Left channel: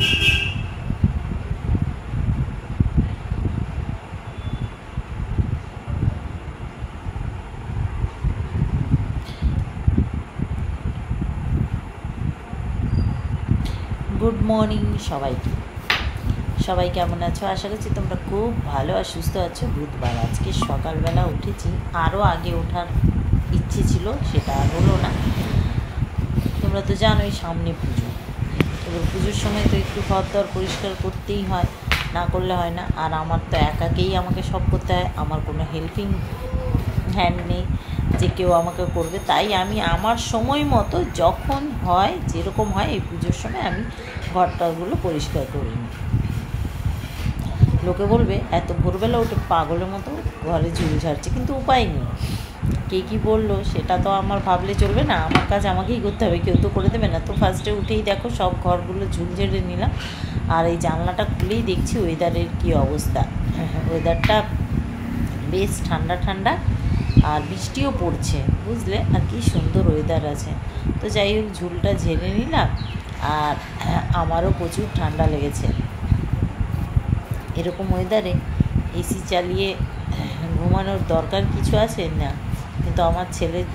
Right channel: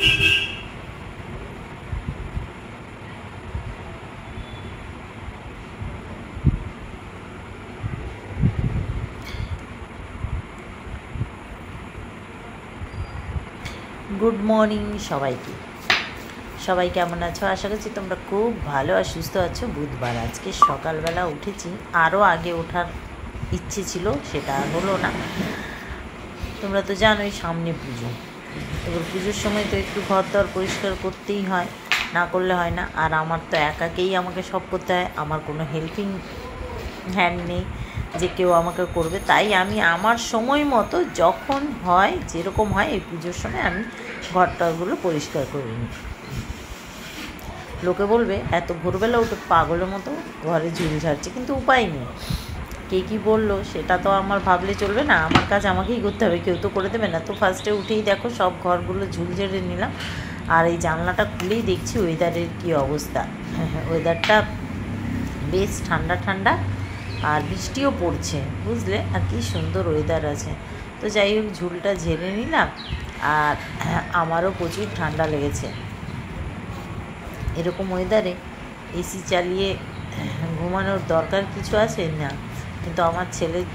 Good morning সবাইকে। সবাই কেমন আছো? আশা করছি তোমরা খুব ভালো আর সুস্থ আছো। বুধবার আজকে সকালবেলা উঠেছি, আরও আগে ওঠার ইচ্ছে ছিল, সেটা হলো না। তোমরা তো জানোই সামনে পুজো, এবার পুজোর সময় তো একটু ঘর দর পরিষ্কার করতেই হয়, না করলে হয় না। আর আমার তো একাকেই আমাকে সব করতে হয়, আমার কোনো হেল্পিং হ্যান্ড নেই যে কেউ আমাকে করবে। তাই আমি আমার সময় মতো যখন হয়, যেরকম হয়, এই পুজোর সময় আমি ঘরটাগুলো পরিষ্কার করে নিই। লোকে বলবে এত ভোরবেলা উঠে পাগলের মতো ঘরে ঝুল ঝাড়ছে, কিন্তু উপায় নেই। কে কী বললো সেটা তো আমার ভাবলে চলবে না, আমার কাজ আমাকেই করতে হবে, কেউ তো করে দেবে না। তো ফার্স্টে উঠেই দেখো সব ঘরগুলো ঝুল ঝেড়ে নিলাম। আর এই জানলাটা খুলেই দেখছি ওয়েদারের কী অবস্থা। ওয়েদারটা বেশ ঠান্ডা ঠান্ডা, আর বৃষ্টিও পড়ছে, বুঝলে, আর কি সুন্দর ওয়েদার আছে। তো যাই হোক, ঝুলটা ঝেড়ে নিলাম। আর আমারও প্রচুর ঠান্ডা লেগেছে। এরকম ওয়েদারে এসি চালিয়ে ঘুমানোর দরকার কিছু আছে না, কিন্তু আমার ছেলের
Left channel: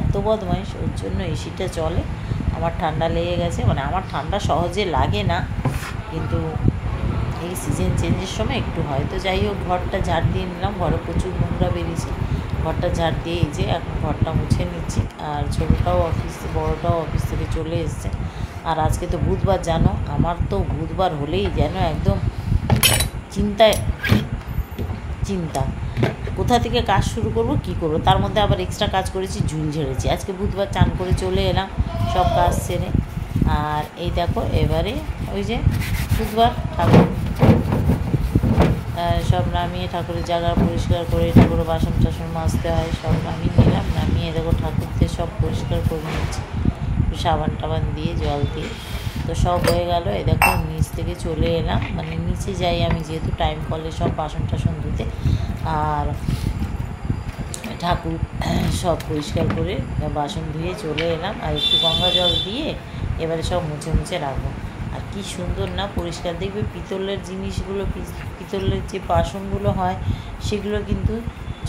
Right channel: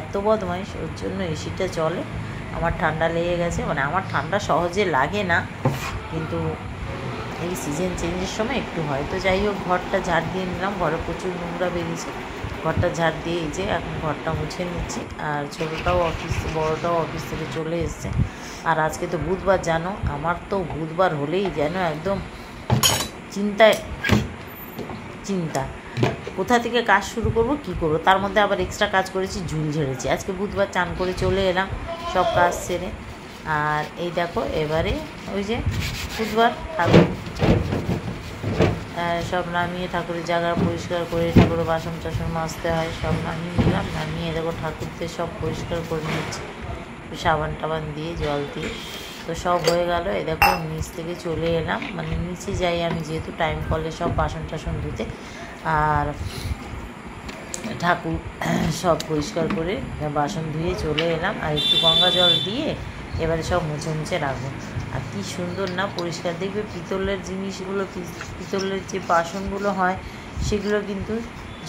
এত বদমাইশ, ওর জন্য এসিটা চলে। আমার ঠান্ডা লেগে গেছে, মানে আমার ঠান্ডা সহজে লাগে না, কিন্তু এই সিজন চেঞ্জের সময় একটু হয়। তো যাই হোক, ঘরটা ঝাড় দিয়ে নিলাম, ঘরে প্রচুর নোংরা বেরিয়েছে। ঘরটা ঝাড় দিয়ে এই যে এখন ঘরটা মুছে নিচ্ছি। আর ছোটোটাও অফিস, বড়োটাও অফিস থেকে চলে এসছে। আর আজকে তো বুধবার, জানো, আমার তো বুধবার হলেই যেন একদম চিন্তা কোথা থেকে কাজ শুরু করব, কি করব। তার মধ্যে আবার এক্সট্রা কাজ করেছি, ঝুল ঝেড়েছি। আজকে বুধবার, চান করে চলে এলাম সব কাজ সেরে। আর এই দেখো, এবারে ওই যে বুধবার ঠাকুর সব নামিয়ে ঠাকুরের জায়গা পরিষ্কার করে, ঠাকুরের বাসন টাসন মাজতে হয়, সব নামিয়ে নিলাম। নামিয়ে দেখো ঠাকুরদের সব পরিষ্কার করে নিচ্ছি, সাবান টাবান দিয়ে, জল দিয়ে। তো সব হয়ে গেল। এই দেখো নিচ থেকে চলে এলাম, মানে নিচে যাই আমি যেহেতু টাইম কলে সব বাসন টাসন ধুতে। আর ঠাকুর সব পরিষ্কার করে বাসন ধুয়ে চলে এলাম। আর একটু গঙ্গা জল দিয়ে এবারে সব মুছে মুছে রাখবো। আর কি সুন্দর না পরিষ্কার, দেখবে পিতলের জিনিসগুলো, পিতলের যে বাসনগুলো হয় সেগুলো কিন্তু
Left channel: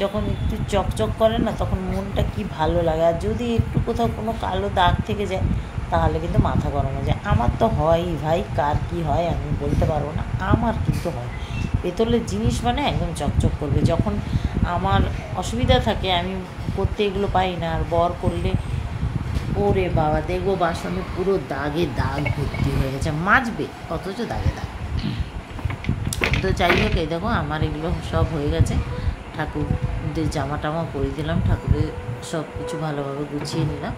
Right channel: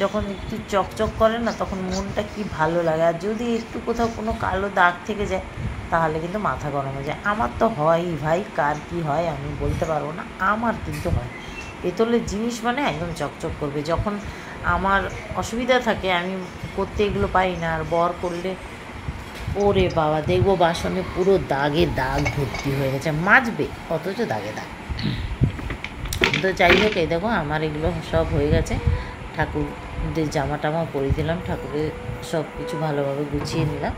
যখন একটু চকচক করে না, তখন মনটা কি ভালো লাগে। আর যদি একটু কোথাও কোনো কালো দাগ থেকে যায়, তাহলে কিন্তু মাথা গরম হয়ে যায়। আমার তো হয়ই ভাই, কার কি হয় আমি বলতে পারবো না, আমার কিন্তু হয়। পেতলের জিনিস মানে একদম চকচক করবে। যখন আমার অসুবিধা থাকে, আমি করতে এগুলো পাই না, আর বর করলে ওরে বাবা, দেখবো বাসনে পুরো দাগে দাগ ভর্তি হয়ে গেছে, মাজবে অথচ দাগে দাগ। তো যাই হোক, এই দেখো আমার এগুলো সব হয়ে গেছে। ঠাকুরদের জামা টামা পরিয়ে দিলাম, ঠাকুরের সব কিছু ভালোভাবে গুছিয়ে নিলাম।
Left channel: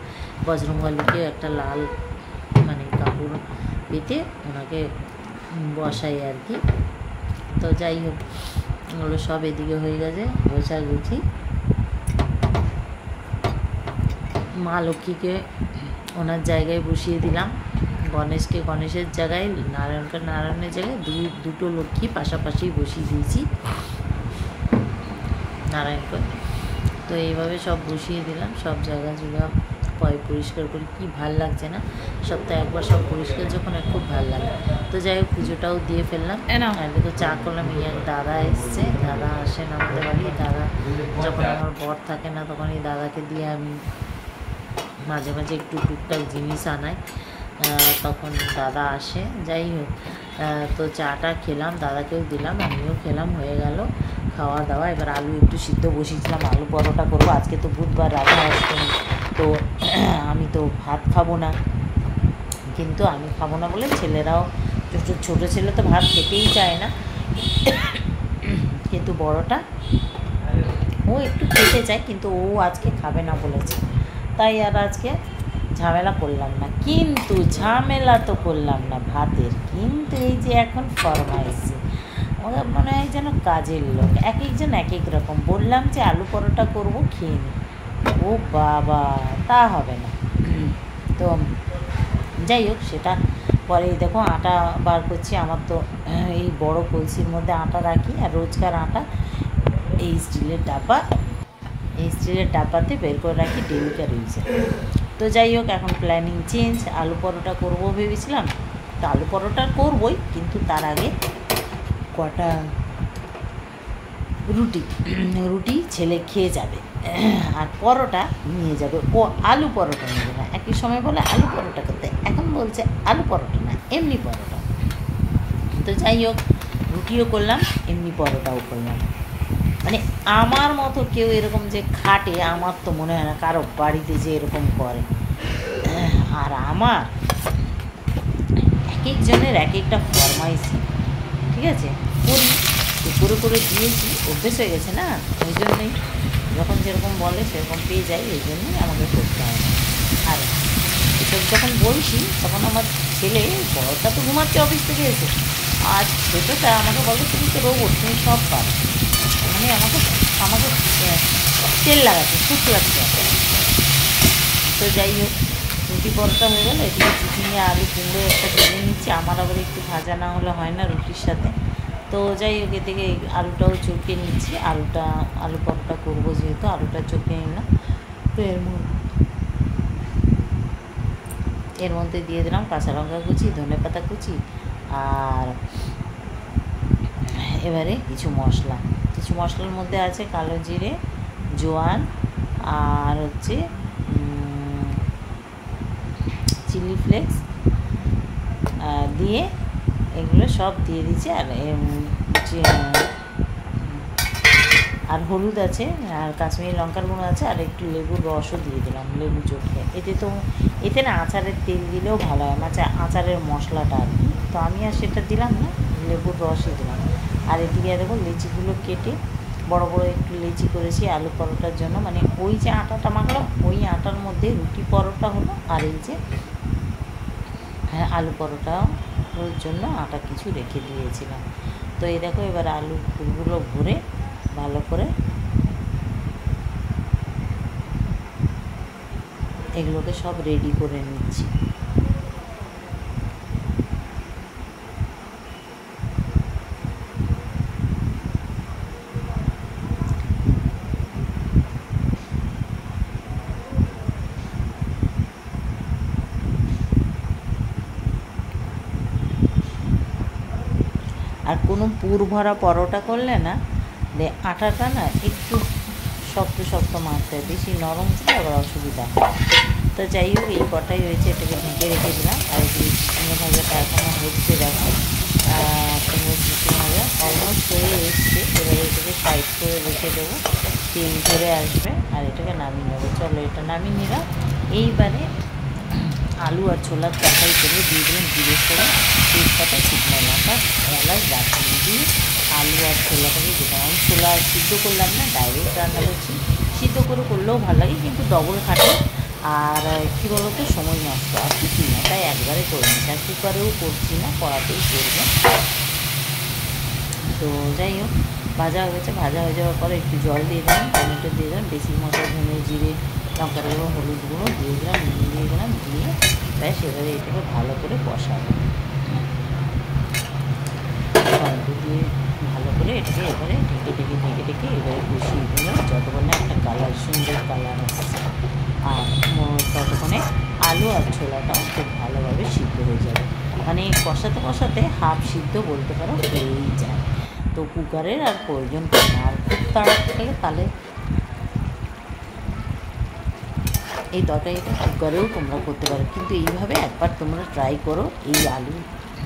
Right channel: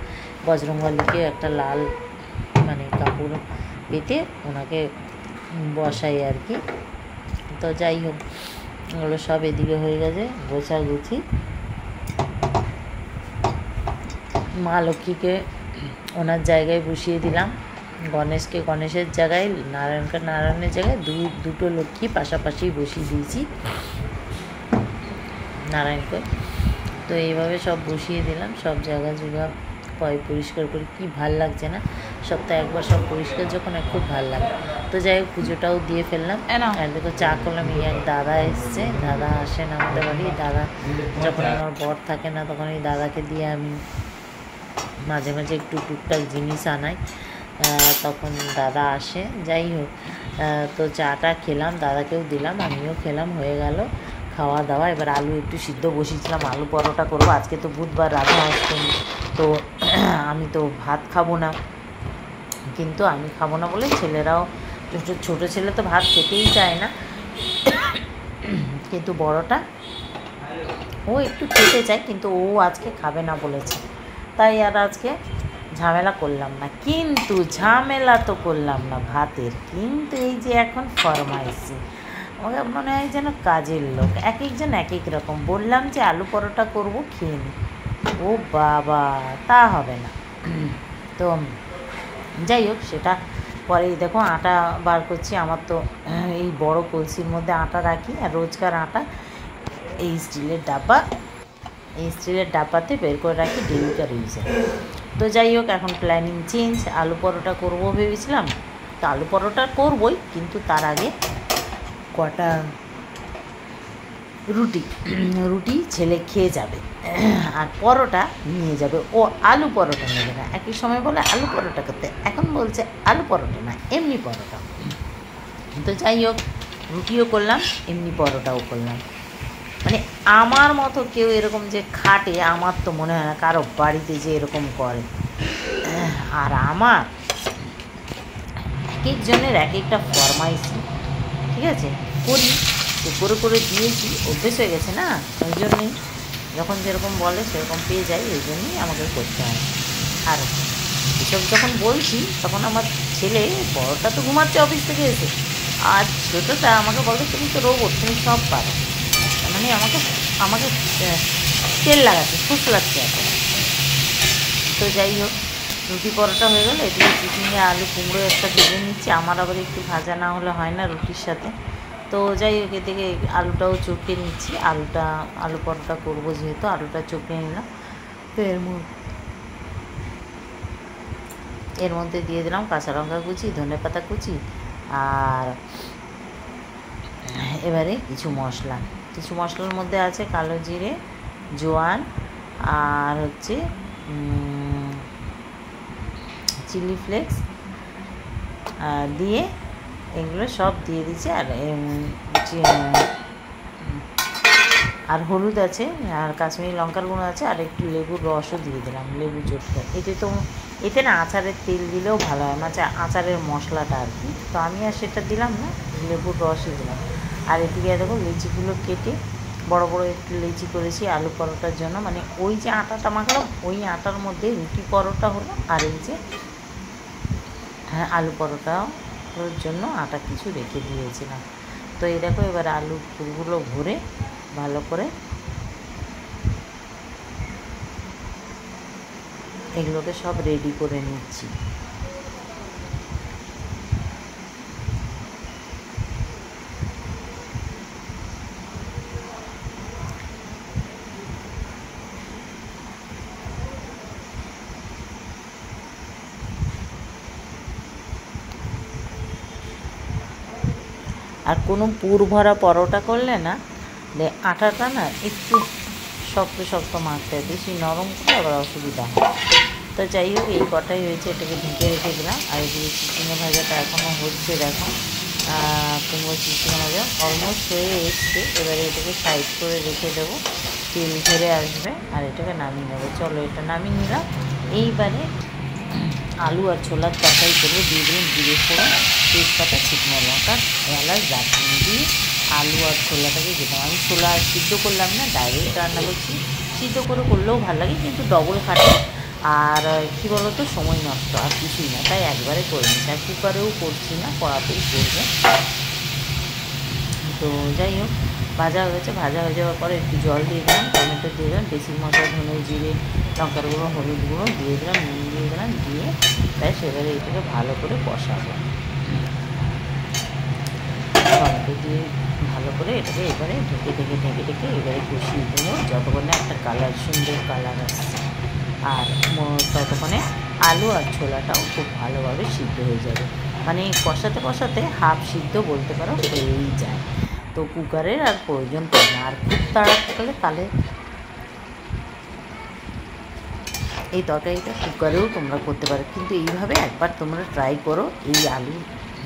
বজরংবলীকে একটা লাল মানে কাপড় পেতে ওনাকে বসাই আর কি। তো যাই হোক, ওগুলো সব এদিকে হয়ে গেছে গোছাগুছি। মা লক্ষ্মীকে ওনার জায়গায় বসিয়ে দিলাম, গণেশকে গণেশের জায়গায়, নারায়ণকে নারায়ণের জায়গায়, দুটো লক্ষ্মী পাশাপাশি বসিয়ে দিয়েছি নারায়ণকে। তো এইভাবে সব বসিয়ে দিলাম, সব জায়গা জুগা পরিষ্কার করে। কি ভাল লাগছে না, সপ্তাহে একবার সব পরিষ্কার যখন হয় খুব ভাল লাগে। তো যাই হোক, পুজোটাও দিয়ে ফেললাম। আর দেখো চা করলাম। এই এক দাদা এসছে, দাদা আসেন আমাদের বাড়ি। দাদা যখন আমার বর থাকে না, তখন এই দাদাকে দিয়ে আমি মাঝে মাঝে একটু টুকটাক জিনিস আনাই, তখন দাদা আসে। যাই হোক, তো চাটা খেলাম, দাদাকেও দিলাম, আমিও খেলাম, হয়ে গেল খাওয়া দাওয়া। এবার আলু একটু সিদ্ধ বসিয়েছিলাম, আলু পরোটা করবো। আজকে তো বুধবার, রাধা অষ্টমী, তো আমি তো ভাত খাবো না, কিন্তু আমি খাবো না বলে ছেলেরাও, ছোটো ছেলে তো ভাত খেতেই চায় না, কিন্তু বড়টা ও একটু খেতে চায়, কিন্তু ও আজকে খাবে না বলেছে। তাই আর আজকে ঝামেলা করলাম না। কিন্তু ঝামেলা তো করলাম না ভাতের, কিন্তু এই যে এখন ফরমাইছে, আমাকে মনে হয় যেন কাজের লোক, এক একজন এক এক রকম। বললাম যে আলু পরোটা করবো, খেয়ে নি। ও বাবা, তা হবে না। তো যাই হোক, সেটা পরে দেখো আটা বার করছি। আমার তো এই বড় কলসির মধ্যে আটা রাখি, আর রোজকার আটা এই স্টিলের ডাব্বাতে বের করে রাখি ডেলিকার ইউজে। তো যাই হোক, এখন প্ল্যানিং চেঞ্জ, আলু পরোটা করবো ভেবেছিলাম, তো আলু পরোটা করবই, কিন্তু তার আগে কটা রুটি ছেলে খেয়ে যাবে, আর পরোটা নিয়ে যাবে। ও আলু পরোটা নেবে না, একই সময় বলে আলু পরোটা করতে, এখন বলছে আলু পরোটা না, এমনি পরোটা। তো যাই হোক, রুটিও করলাম, এমনি পরোটাও করলাম। মানে আমার মতো কেউ এরকম যে খাটে, আমার তো মনে হয় না কারো বাড়িতে যে এরকম করে। আর আমার এক একজনের এক একটা ফরমাইশ, ঠিক আছে, করি তো করে দিয়েছি, অভ্যেস হয়ে গেছে না, ওই জন্যই যখন যেরকম বলে সেরকম পেয়ে যাই, ওই জন্যই আমাকে করতে হয়। আর এসব যখন বলছি তখন আমার ছেলে, বড়টা তো ঘুমাচ্ছে অফিস থেকে এসে, আর ছোটোটা আমাকে বলে তুমি তো রোবট, তুমি সব পারো, মানে আমাকে আমাকে তেল লাগাচ্ছে, ফুসলাচ্ছে এখন। তো যাই হোক, রুটি পরোটা হয়ে গেলো, এদিকে চিচিঙে আলু কুমড়ো একটা ভেজে নিচ্ছি, আমার আবার একটু ভাজা না হলে হয় না রুটির সাথে। তো যাই হোক, এদিকে আলুটাও চটকে নিচ্ছি, আলু পরোটা করবো যেহেতু আলুটা চটকে নিলাম। তো এর মধ্যে দিয়ে দিলাম কাঁচা লঙ্কা কুচি, ধনেপাতা কুচি, আর এবারে কিছু মশলার মধ্যে আছে কালো জিরে, জোয়ান, আর হচ্ছে চিলি ফ্লেক্স দিয়ে এগুলো সব দিয়ে দিচ্ছি। আর হলুদ আছে, আর কাশ্মীরি লঙ্কার গুঁড়ো আছে, আর একটু লেবুর রসও দিয়ে দিলাম, লেবু চটকে। এতে না আচারের তেল দিলেও ভালো হয়, আচারের মশলাটা আর কি। তো আমি আর সেটা দিলাম না, লেবুর রসই দিলাম। আর এদিকে দেখো লেচিগুলো কেটে বড় বড় একটু লেচি করেছি আলু পরোটার জন্য, মানে ওই যে আটাটা মাখলাম ওই আটার মধ্যে রুটি পরোটা হলো, আর এই যে আলু পরোটার জন্য আটা কিছু রেখে দিয়েছিলাম। তো এই দেখো, এবার আলু ফুলগুলো ভরে ভালো করে এগুলোকে সব রেডি করে নিচ্ছি। আর কোনো পুর ভরা পরোটা করলে না, আটাটা না একটু শক্ত মারতে হয়, বেশি নরম করে আবার অসুবিধা হয়। তো যাই হোক, এই কটাই হয়েছে, এটাকে ঢেকে রেখে দিলাম। আর এই যে চিচিঙে ভাজাটা এখনও হচ্ছে, দেখো কুমড়ো চিচিঙে ভাজা অলমোস্ট হয়ে এসছে। এবারে এটাকে সাইড করে রেখে দেবো, তেল ধরে আসবে, আর এটাকে নামিয়ে নেবো। চলো, এটা নামিয়ে নিলাম। এইবারে আলু আর ছোলার তরকারি করে দিয়ে দিলাম জিরে ফোড়ন, তেজপাতা, শুকনো লঙ্কা, এলাচ, দারচিনি দিয়ে আলু আর ছোলাটাকে দিলাম। আমি ছোলা সিদ্ধ করলাম না, ডাইরেক্ট রান্না করছি। সিদ্ধ করলেও ভালো লাগে, কিন্তু ডবল খাটে, আর কী বলো তো, সময় নষ্ট আর কিছুই না, তাই একবারে করে নিচ্ছি। আর কুকারেও করছি না, কড়াতেই করবো। তো যাই হোক, ভাজা হয়ে গেছে। ভাজা হয়ে যাওয়ার পরে একটু জল দিয়ে দিলাম, টমেটো দিয়ে দিলাম, বেশি মশলা, ধনে জিরে লঙ্কার গুঁড়ো, হলুদ গুঁড়ো দিয়ে দিলাম, নুন দিয়ে দিলাম, দিয়ে ব্যাস এবারে এটাকে ভালো করে কষাবো। টমেটো দিয়ে ভালো করে এটাকে এবারে ঢেকে এবারে কষিয়ে দিলাম, যতক্ষণে একটা সুন্দর কালার আসছে। আর ততক্ষণে আলু আর ছোলাটাও খুব ভালোভাবে সিদ্ধ হয়ে যাবে, মানে কষাতে হাফ সিদ্ধ বলতে পারো হয়েই যায়। তো কুকারের আর প্রয়োজন পড়ে না। আর খুব তাড়াতাড়ি তাহলে এই তরকারিটা কুকারেও তোমরা করতে পারো, কিন্তু এইভাবে একবার তোমরা ট্রাই করো। এই আলু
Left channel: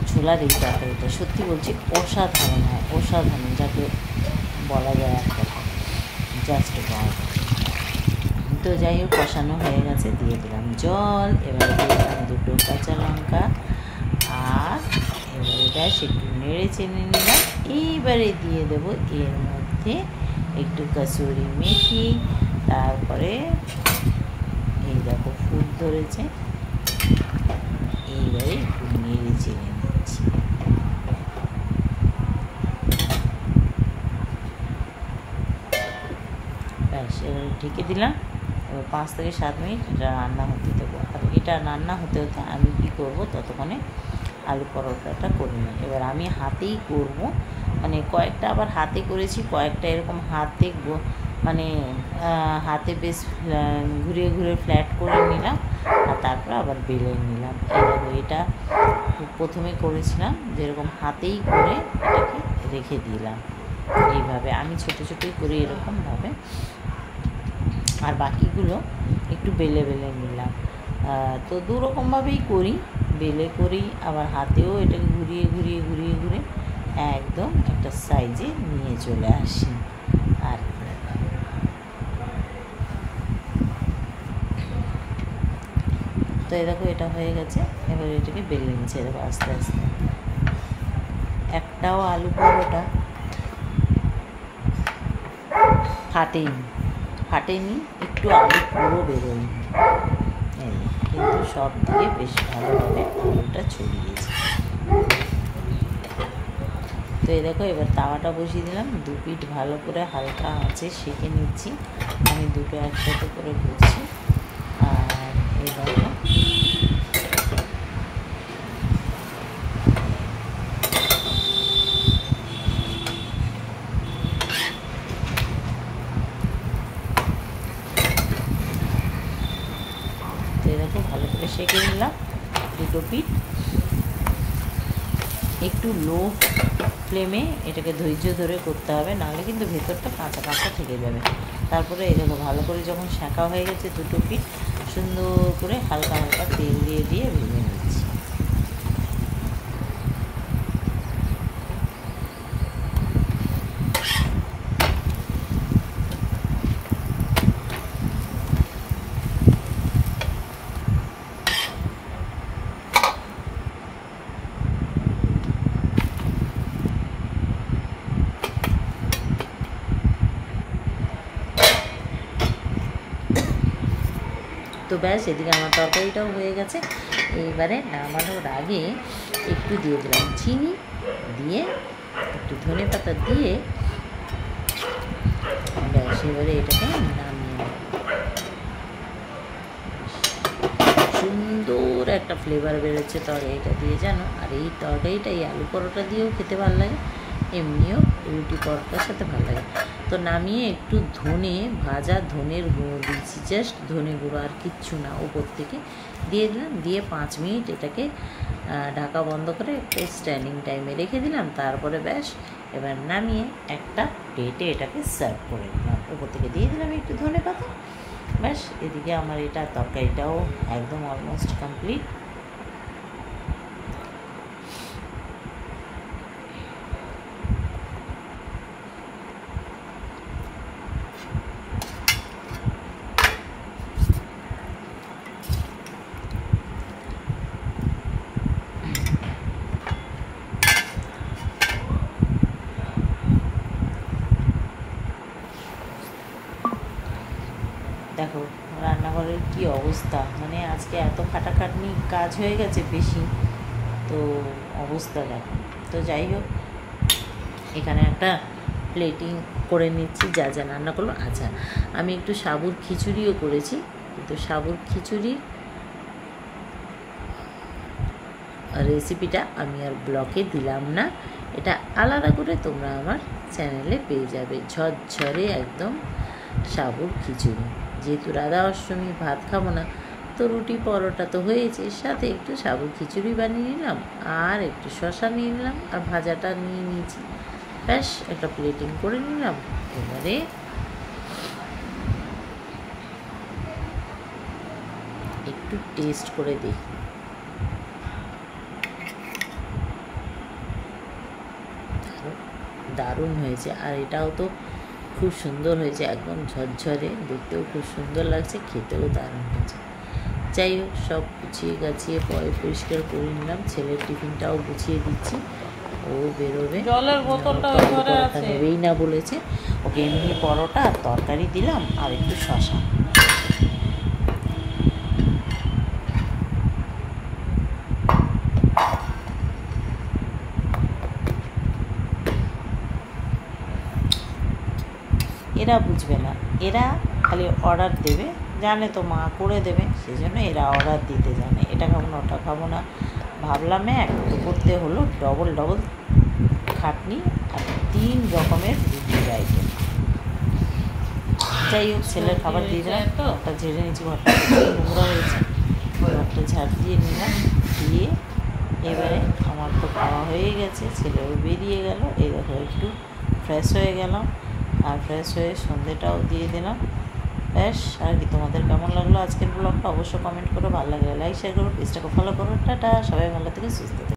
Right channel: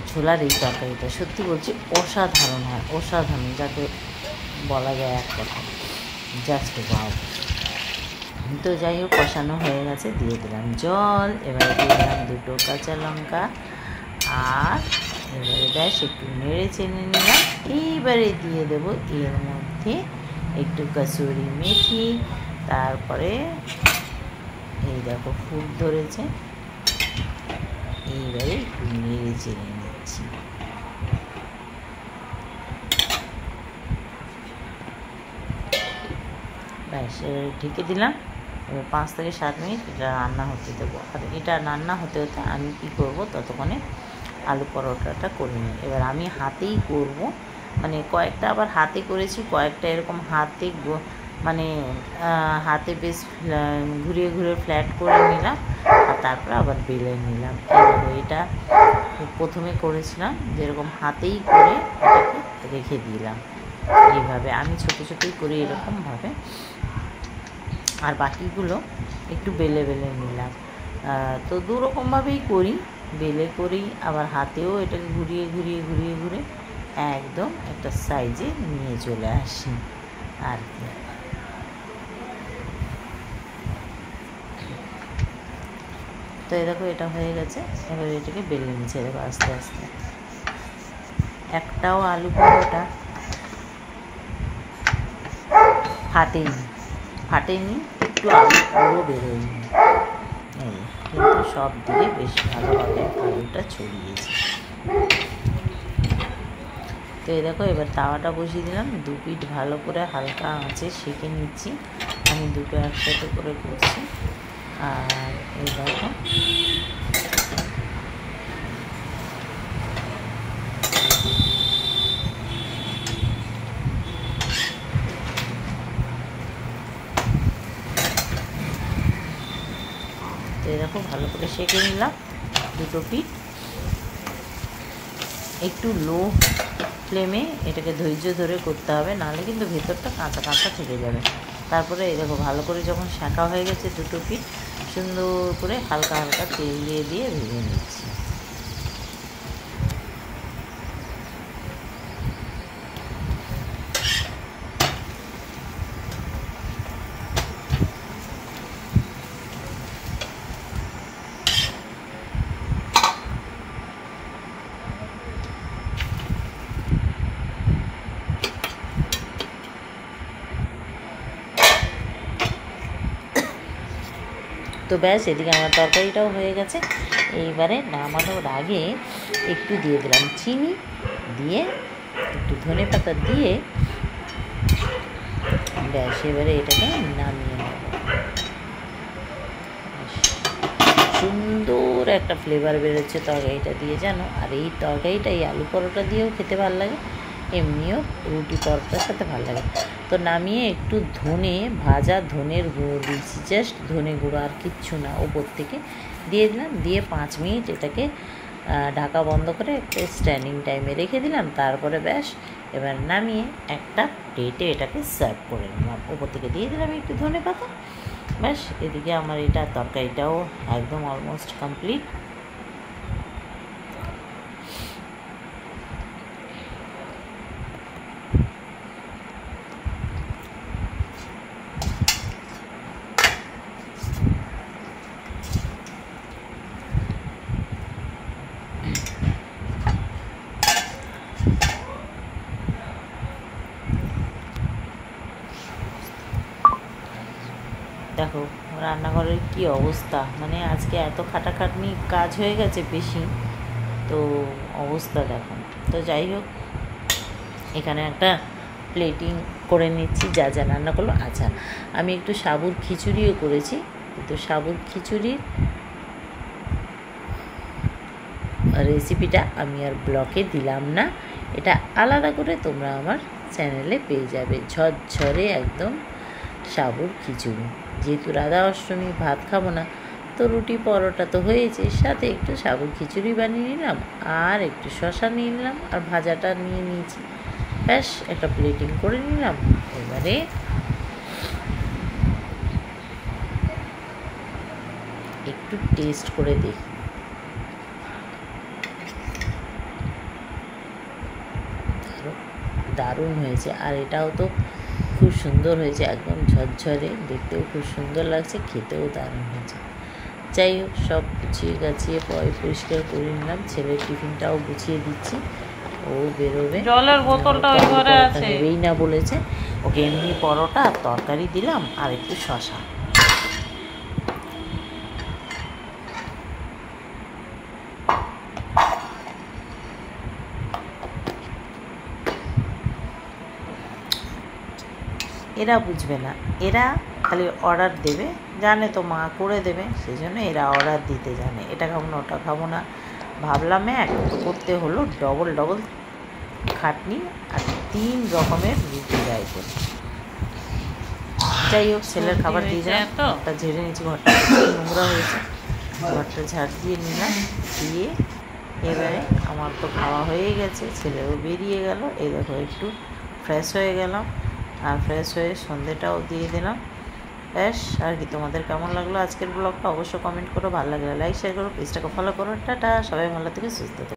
ছোলার এই তরকারিটা সত্যি বলছি অসাধারণ হয়, অসাধারণ, যাকে বলা যায় এক কথা, জাস্ট ওয়াও। তো যাই হোক, কষানো হয়ে গেছে, দিয়ে দিলাম জল, এবারে দিয়ে দিলাম 2 কাঁচা লঙ্কা, আর এবারে ব্যাস একটু নেড়ে চেড়ে নিলাম। এইবারে দিয়ে দেবো এর মধ্যে একটু কসুরি মেথি, তারপরে এই দেখো ফুট ধরেছে, এইবারে একটু নেড়ে চেড়ে নিচ্ছি। ব্যাস এবারে ঢেকে দিলাম। এবার 5 থেকে 7 মিনিট এটা রান্না হতে দেবো। আর এটা রান্না হতে আমি কি করব, ততক্ষণে আলু পরোটাটা করে নিই। এবার আমি হাতেই করব, মানে কয়েকটা আবার হাতে করেছি, কয়েকটা এরকম হাতে বেশ ঘুরিয়ে ফ্ল্যাট করে নিলাম, আর তারপর আবার বেলে নিলাম। এই দেখো এটা প্রথমে করেছিলাম যেরকম হাতেই করে এটাকে রেখে দিলাম এইভাবে, আমি ছোটো ছোটোই করি এরকমভাবে, আর বাকিগুলো একটু বেলে বেলে নিলাম। তো দুরকমভাবেই করি, বেলে করি আবার হাতেও এটাকে ঘুরিয়ে ঘুরিয়ে ঘুরিয়ে ঘুরে একদম একটা সাইজে নিয়ে চলে আসি আর কি। তো এই দেখো এটা হয়ে গেছে, এবার এটাকে বেলে নিচ্ছে দেখো আস্তে আস্তে। একটাও আলু পরোটা ফাটেনি, একটু আলু পুরো বেরোয়নি, এই কিন্তু সব দিকে বেশ ভালোভাবে আলুটা ছড়িয়েছে। তো এই দেখো এবার তাওয়াটা বসিয়ে দিলাম, 2 পিঠ ভালো করে হালকা আঁচে সেঁকে নিচ্ছি। আমি দুটো একসাথে করে করছি। আর এই দেখো ভালো করে সেঁকে নিলাম দুটো পিঠ। একটু লো ফ্লেমে এটাকে ধৈর্য ধরে করতে হবে, নাহলে কিন্তু ভেতরটা কাঁচা কাঁচা থেকে যাবে। তারপরে এই দেখো ভালো করে যখন সেঁকা হয়ে গেছে দুটো পিঠ, সুন্দর করে হালকা হালকা তেল দিয়ে দিয়ে ভেজে নিচ্ছি। তো ব্যাস, এদিকে আমার তরকারিটাও হয়ে গেছে। এইবারে নামানোর আগে একটু দিয়ে দিলাম চিনি, দিয়ে একটু ধনে পাতা দিয়ে ব্যাস এবারে এটাকে নামিয়ে নেব। সুন্দর একটা ফ্লেভার বেরোচ্ছে তরকারিটা দিয়ে জানো। আর এই তরকারিটা এই আলু পরোটা দিয়েও খেতে ভালো লাগে, এমনিও রুটি পরোটার সাথে ভালো লাগে। তো নামিয়ে একটু ভাজা ধনের গুঁড়ো দিয়েছি, জাস্ট ধনে গুঁড়ো আর কিচ্ছু না, ওপর থেকে দিয়ে দিলাম। দিয়ে 5 মিনিট এটাকে ঢাকা বন্ধ করে একটা স্ট্যান্ডিং টাইমে রেখে দিলাম। তারপরে ব্যাস এবার নামিয়ে একটা প্লেটে এটাকে সার্ভ করে দিলাম, ওপর থেকে দিয়ে দিলাম একটু ধনে পাতা। ব্যাস এদিকে আমার এটা তরকারিটাও একদম অলমোস্ট কমপ্লিট। দেখো রান্নাঘরের কি অবস্থা, মানে আজকে এত খাটাখাটনি কাজ হয়ে গেছে বেশি, তো অবস্থা দেখো। তো যাই হোক, এখানে একটা প্লেটিং করে নিচ্ছি যা যা রান্না করলো। আচ্ছা, আমি একটু সাবুর খিচুড়িও করেছি, কিন্তু সাবুর খিচুড়ির রেসিপিটা আমি আর ব্লগে দিলাম না, এটা আলাদা করে তোমরা আমার চ্যানেলে পেয়ে যাবে। ঝরঝরে একদম সাবুর খিচুড়ি। যেহেতু রাধা অষ্টমী ভাত খাবো না, তো রুটি পরোটা তো হয়েছে, সাথে একটু সাবুর খিচুড়ি বানিয়ে নিলাম, আর একটু শসা নিয়ে নিলাম, আর ভাজাটা নিয়ে নিয়েছি। ব্যাস একটা প্লেটিং করে নিলাম। এবারে একটু টেস্ট করে দেখি। দারুণ হয়েছে, আর এটাও তো খুব সুন্দর হয়েছে, একদম ঝরঝরে, দেখতেও খুব সুন্দর লাগছে, খেতেও দারুণ হয়েছে। যাই হোক, সব গুছিয়ে গাছিয়ে পরিষ্কার করে নিলাম। ছেলের টিফিনটাও গুছিয়ে দিচ্ছি, ও বেরোবে। জলের বোতলটা ওই ঘরে আছে, নেবেই না বলেছে। ওকে এমনি পরোটা আর তরকারি দিলাম, আর একটু শসা। এরা বুঝবে না, এরা খালি অর্ডার দেবে, জানে তো মা করে দেবে, সেই জন্য এরা অর্ডার দিতে জানে। এটা খাবো না, ওটা খাবো না, ভাবলাম এক তো করতে হলো ডবল খাটনি, আর 3 রকমের রুটির আইটেম। যাই হোক, ছেলের খাবার দিয়ে দিলাম, ঘরটা ঝেড়ে নিয়েছি, ঘরটা নোংরা হয়েছে, ঘরটা ঝাড় দিয়ে নিলাম, দিয়ে এবারে আমার তো খাওয়া হয়ে গেছে, ছেলেও বেরিয়ে গেল। এই দেখো একটু ফ্রেশ হয়ে গেলাম, আর ফ্রেশ হয়ে সন্ধেটাও দিয়ে দিলাম। ব্যাস, আর কি। তোমাদের কেমন লাগলো আজকের ব্লগটা অবশ্যই কমেন্ট করো, ভালো লাগলে লাইক শেয়ার করো, পেজটাকে ফলো করো। টাটা, সবাই ভালো থেকে সুস্থ থেকে।